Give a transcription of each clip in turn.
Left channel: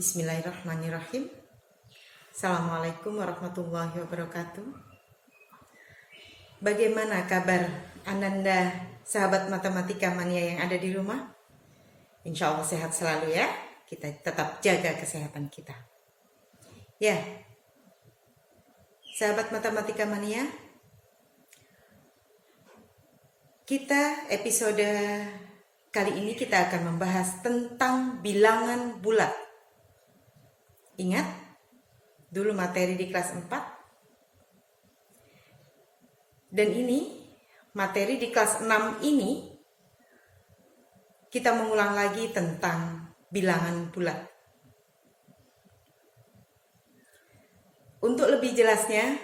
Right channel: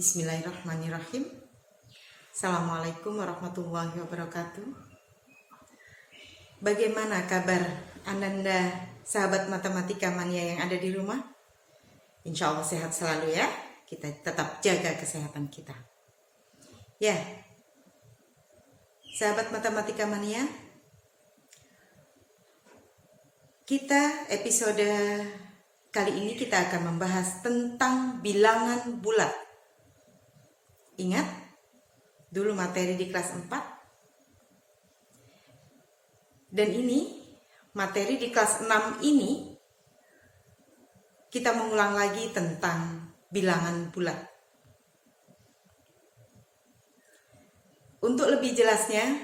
Bismillahirrahmanirrahim. Assalamualaikum warahmatullahi wabarakatuh. Bagaimana kabar Ananda, sahabat matematika mania yang ada di rumah? Insya Allah sehat selalu ya. Kita tetap jaga kesehatan kita. Ya, sahabat matematika mania, kita episode kali ini kita akan membahas tentang bilangan bulat. Ingat dulu materi di kelas 4. Dan ini materi di kelas 6 ini kita mengulang lagi tentang bilangan bulat. Untuk lebih jelasnya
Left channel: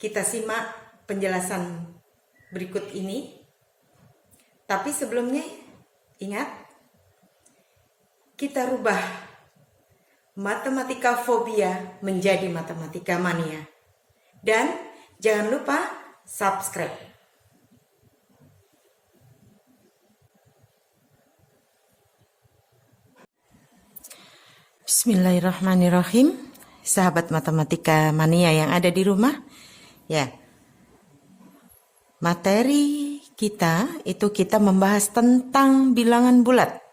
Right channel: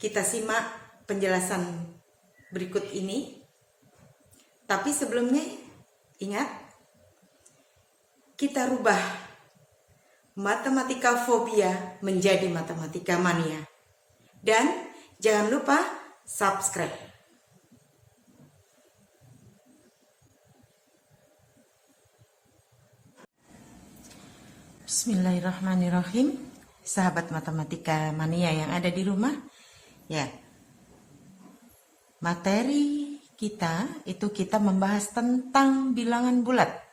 kita simak penjelasan berikut ini. Tapi sebelumnya ingat, kita rubah matematika fobia menjadi matematika mania. Dan jangan lupa subscribe. Bismillahirrahmanirrahim. Sahabat matematika mania yang ada di rumah. Ya. Materi kita itu kita membahas tentang bilangan bulat.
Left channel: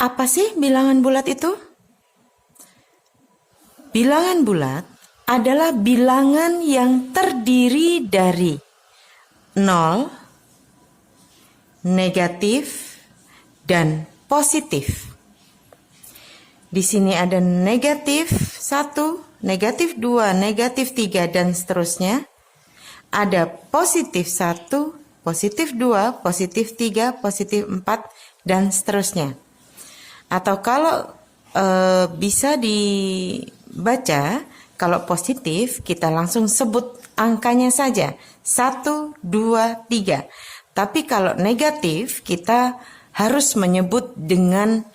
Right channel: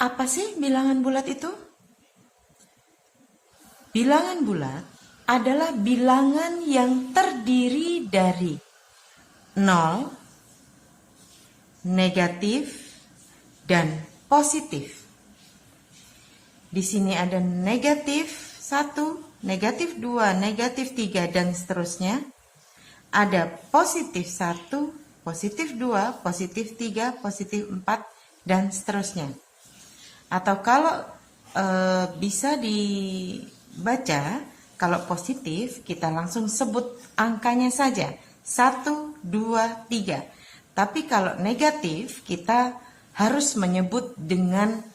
Apa sih bilangan bulat itu? Bilangan bulat adalah bilangan yang terdiri dari 0, negatif, dan positif. Di sini ada negatif 1, negatif 2, negatif 3, dan seterusnya. Ada positif 1, positif 2, positif 3, positif 4, dan seterusnya. Atau kalau bisa dibaca, kalau positif kita langsung sebut angkanya saja 1, 2, 3. Tapi kalau negatif kita harus menyebut dengan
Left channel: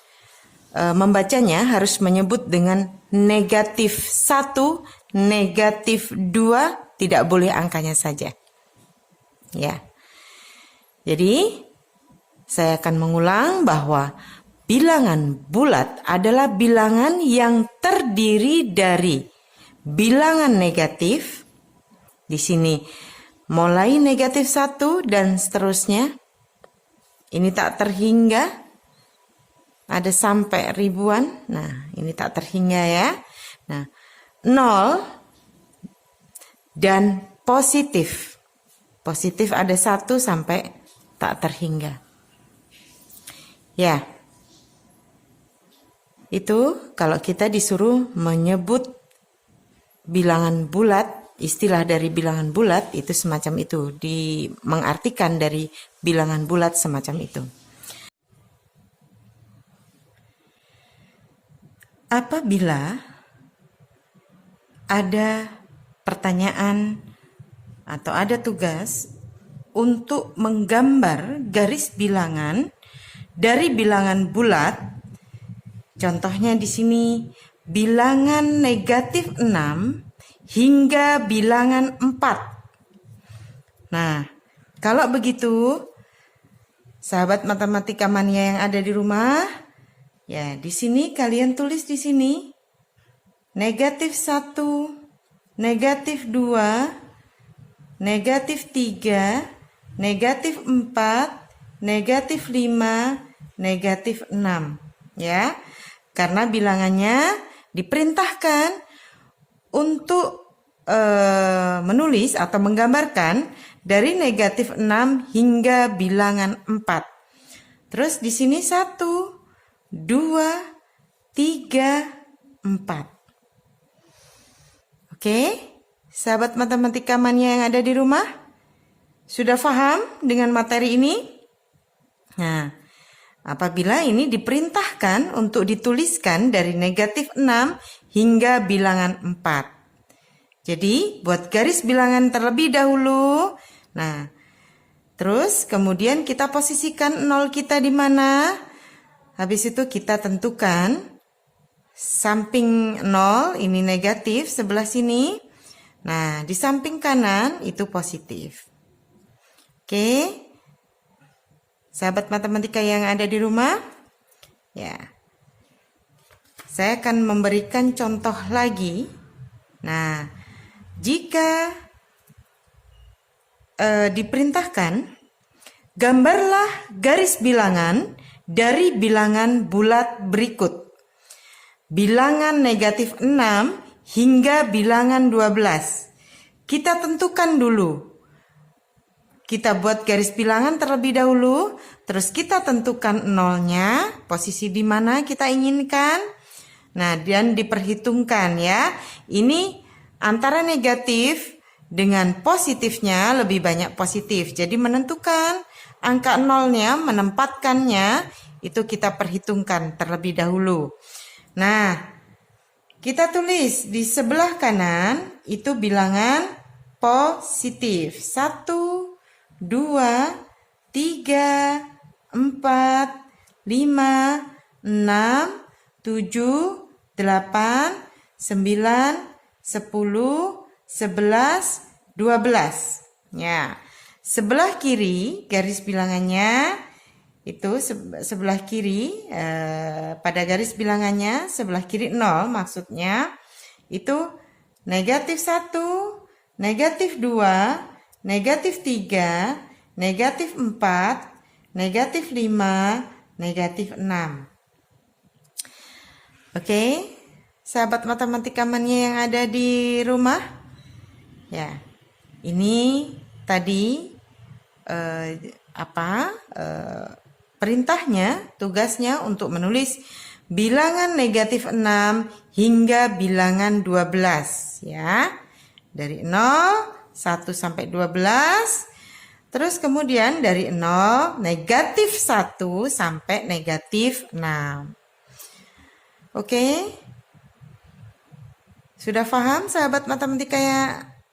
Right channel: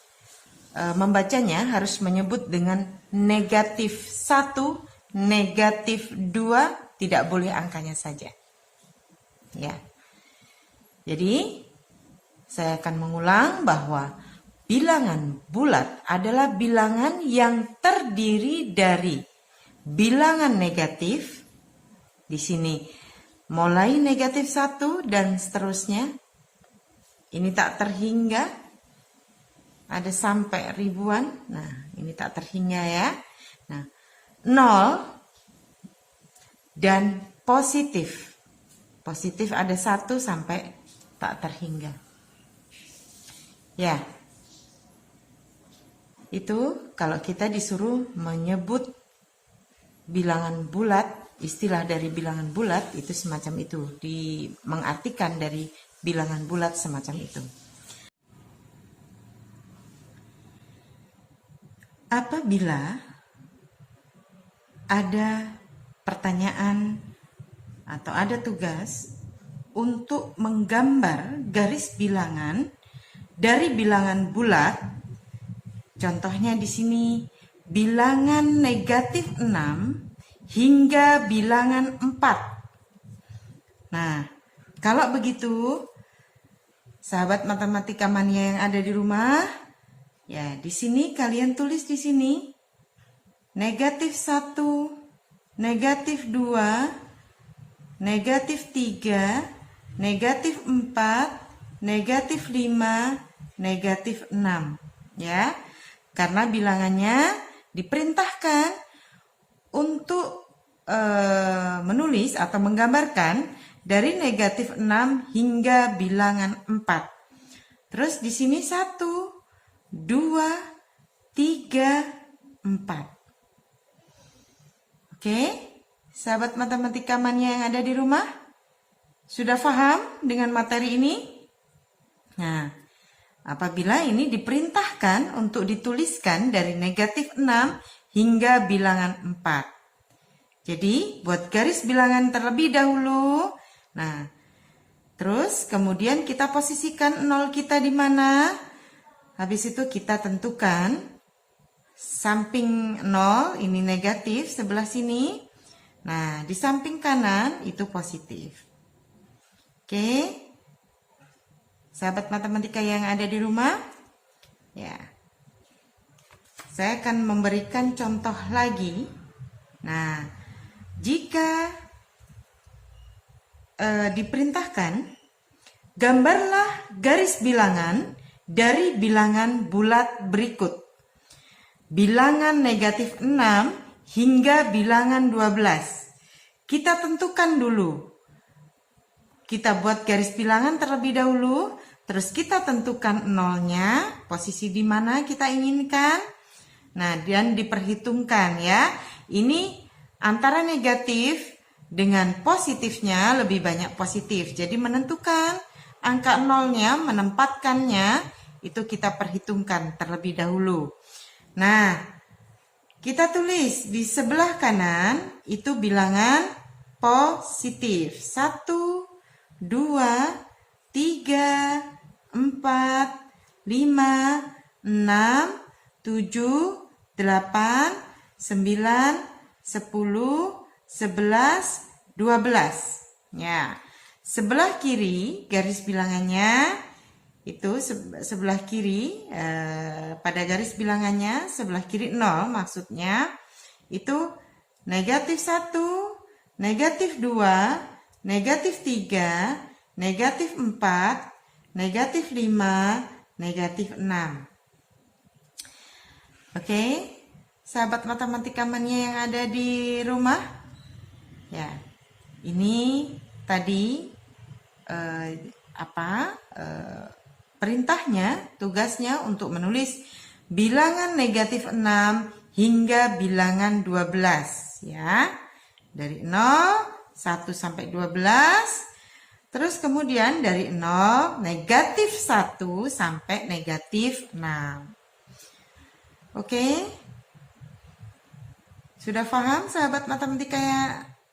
membacanya harus menyebut dengan negatif 1, negatif 2, tidak boleh angkanya saja. Ya. Jadi saya akan mengulang bahwa bilangan bulat adalah bilangan yang terdiri dari bilangan negatif. Di sini mulai negatif 1 dan seterusnya. Ini tak terhingga. Ada sampai ribuan. Nah, ini tak terhingga ya. Nah, 0 dan positif. Positif ada 1 sampai tak terhingga. Ya. Itu kalau kita disuruh menyebut bilangan bulat, istilah dari bilangan bulat itu semacam itu, mengartikan dari bilangan bulat semacam itu. Apabila ada pertanyaan atau ada tugas untuk menggambar garis bilangan dari bilangan bulat, contohnya di sini bilangan negatif 6 hingga bilangan 4. Nah, kalau begitu, sahabat matematika mania yang ada di rumah, ya di sini kalian tulis di sini negatif 1, negatif 2, negatif 3, negatif 4, negatif 5, negatif 6. Ya. Karena bilangannya diperintahkan untuk menulis atau menggambarkan dari negatif 6 hingga bilangan 4. Terus di sini 1, 2, 3, 4. Oke, sahabat matematika mania yang ada di rumah, sudah paham dengan materi ini? Nah, apabila ini diperintahkan untuk dituliskan dari negatif 6 hingga bilangan 4. Jadi buat garis bilangan terlebih dahulu. Nah, terus kemudian kita posisikan 0 kita di mana? Habis itu kita tentukan samping 0 ini negatif sebelah sini. Nah, di samping kanan itu positif. Oke. Sahabat matematika yang ada di rumah, ya. saya akan memberikan contoh lagi. Nah, jika diperintahkan, gambarlah garis bilangan dari bilangan bulat berikut. Bilangan negatif 6 hingga bilangan 12. Kita tentukan dulu. Kita buat garis bilangan terlebih dahulu, terus kita tentukan nolnya, posisi di mana kita inginkan. Nah, dan diperhitungkan ya. Ini antara negatif dengan positifnya lebih banyak positif. Jadi menentukan angka nolnya, menempatkannya, itu kita perhitungkan terlebih dahulu. Nah, kita tulis di sebelah kanan itu bilangan positif. 1, 2, 3, 4, 5, 6, 7, 8, 9, 10, 11, 12. Ya. Sebelah kiri garis bilangannya itu sebelah kiri pada garis bilangannya sebelah kiri 0 maksudnya itu negatif 1, negatif 2, negatif 3, negatif 4, negatif 5, negatif 6. Oke, sahabat matematika mania yang ada di rumah. Ya, ini tadi perintahnya, tugasnya untuk menulis bilangan negatif 6 hingga bilangan 12 ya. Dari 0, 1 sampai 12. Terus kemudian dari 0, negatif 1 sampai negatif 6. Oke, sudah paham sahabat matematika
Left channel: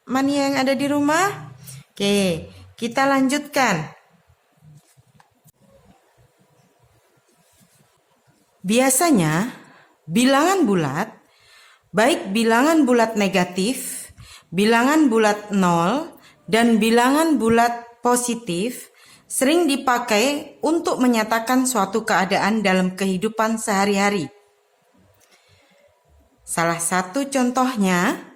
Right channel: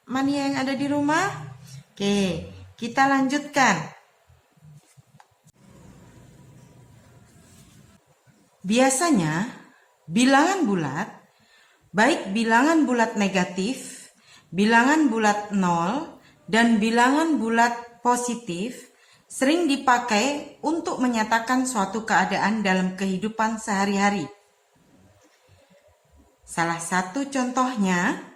mania yang ada di rumah? Oke, kita lanjutkan. Biasanya bilangan bulat, baik bilangan bulat negatif, bilangan bulat 0, dan bilangan bulat positif sering dipakai untuk menyatakan suatu keadaan dalam kehidupan sehari-hari. Salah satu contohnya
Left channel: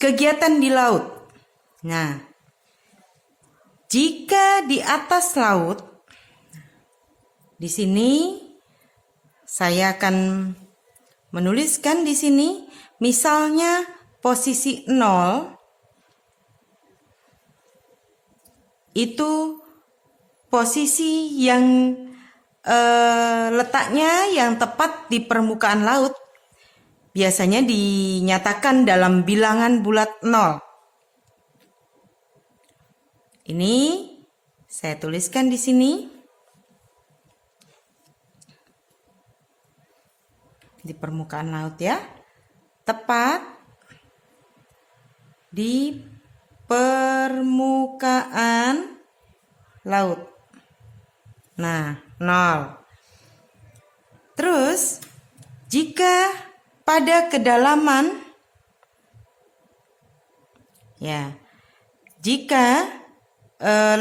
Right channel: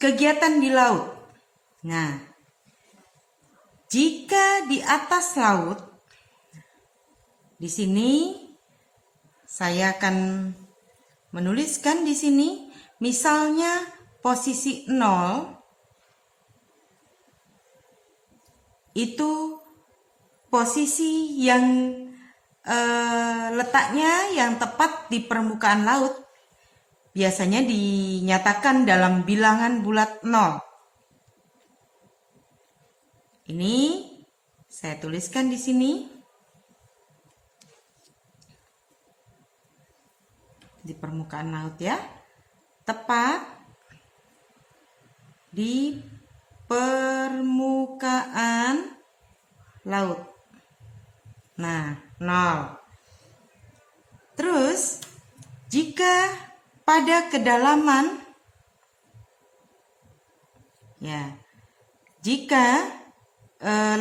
kegiatan di laut. Nah, jika di atas laut, di sini saya akan menuliskan di sini misalnya posisi 0 itu posisi yang letaknya yang tepat di permukaan laut. Biasanya dinyatakan dalam bilangan bulat 0. Ini saya tuliskan di sini. Di permukaan laut ya. Tepat di permukaan laut. Nah, 0. Terus jika pada kedalaman ya, jika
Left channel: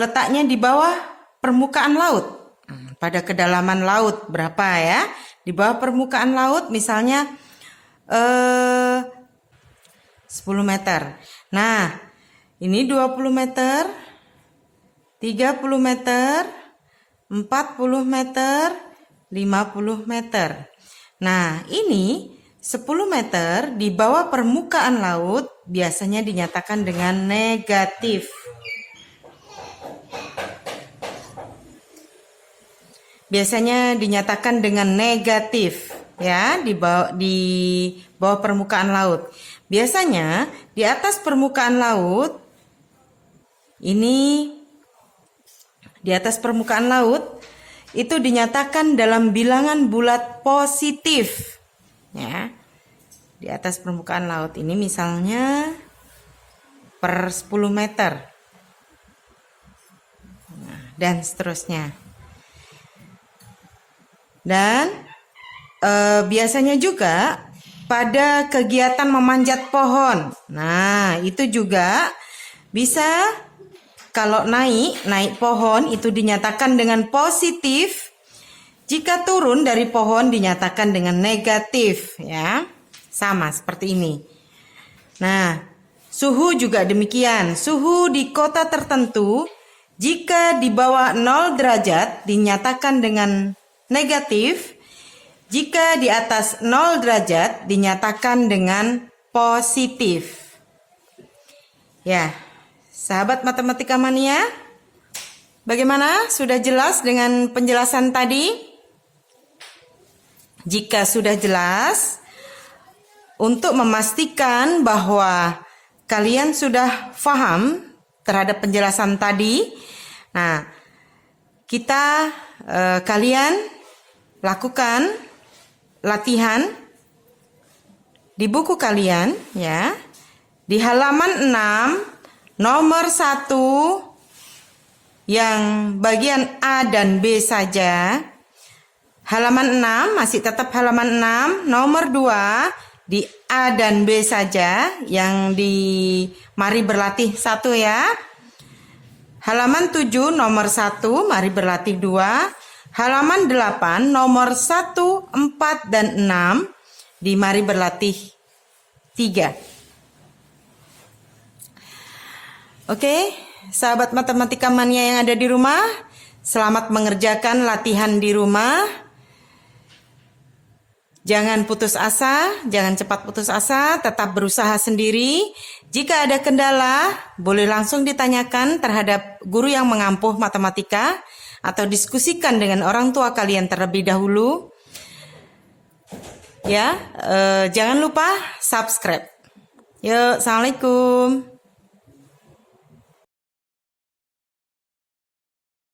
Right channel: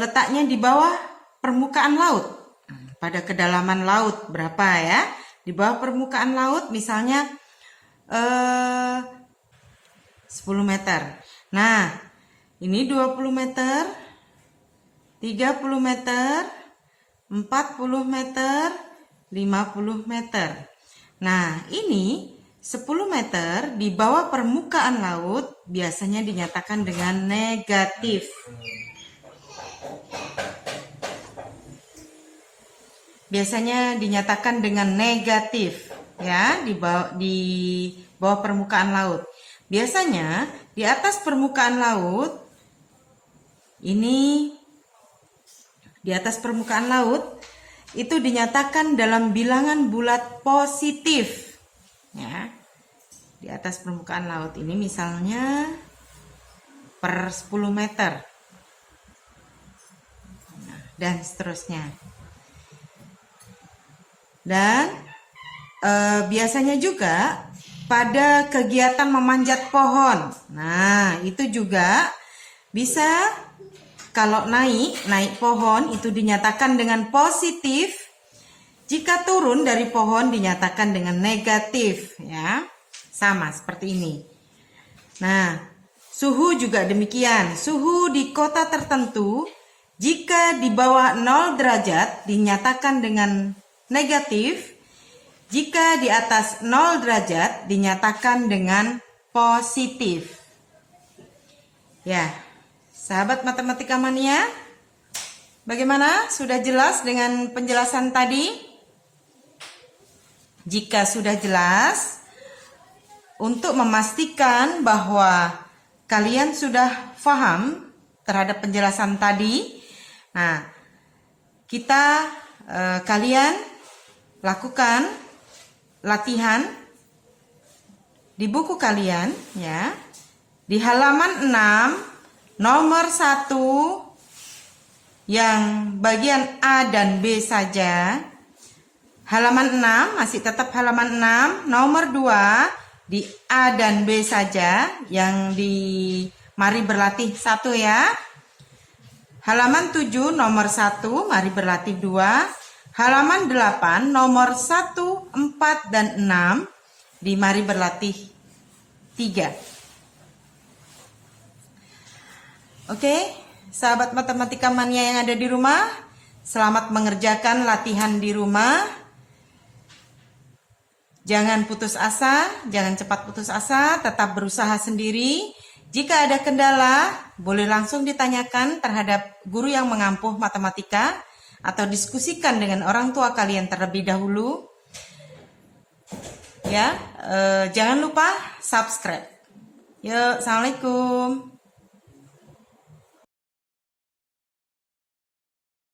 letaknya di bawah permukaan laut, pada kedalaman laut berapa ya? Di bawah permukaan laut misalnya 10 meter. Nah, ini 20 meter, 30 meter, 40 meter, 50 meter. Nah, ini 10 meter di bawah permukaan laut biasanya dinyatakan dengan negatif. Biasanya dinyatakan dengan negatif ya, di bawah permukaan laut. Biasanya di atas permukaan laut ini, di atas permukaan laut itu dinyatakan dalam bilangan bulat positif ya. Di atas permukaan laut ini misalnya per 10 meter dan seterusnya. Dan biasanya juga pada kegiatan memanjat pohon. Nah, itu juga bisa kalau naik pohon itu dinyatakan dengan positif Jika turun dari pohon dinyatakan dengan negatif, ya. Sama seperti ini. Nah, suhu juga demikian. Suhu di kota tertentu jika di bawah 0 derajat dinyatakan dengan negatif. Jika di atas 0 derajat dinyatakan dengan positif. Ya, sahabat matematika mania, bagaimana? Sudah jelas dengan penjelasan tadi? Jika sudah jelas, untuk memastikan bahwa kalian sudah paham terhadap penjelasan tadi, nah, kalian lakukan latihan di buku kalian, ya, di halaman 6 nomor 1 yang bagian A dan B saja. Halaman 6 masih tetap halaman 6, nomor 2 di A dan B saja yang di mari berlatih 1 ya. Halaman 7 nomor 1 mari berlatih 2. Halaman 8 nomor 1, 4 dan 6 di mari berlatih 3. Oke, sahabat matematika mania yang ada di rumah, selamat mengerjakan latihan di rumah. Jangan putus asa, jangan cepat putus asa, tetap berusaha sendiri. Jika ada kendala, boleh langsung ditanyakan terhadap guru yang mengampuh matematika atau diskusikan dengan orang tua kalian terlebih dahulu. Ya, jangan lupa subscribe. Yuk, assalamualaikum.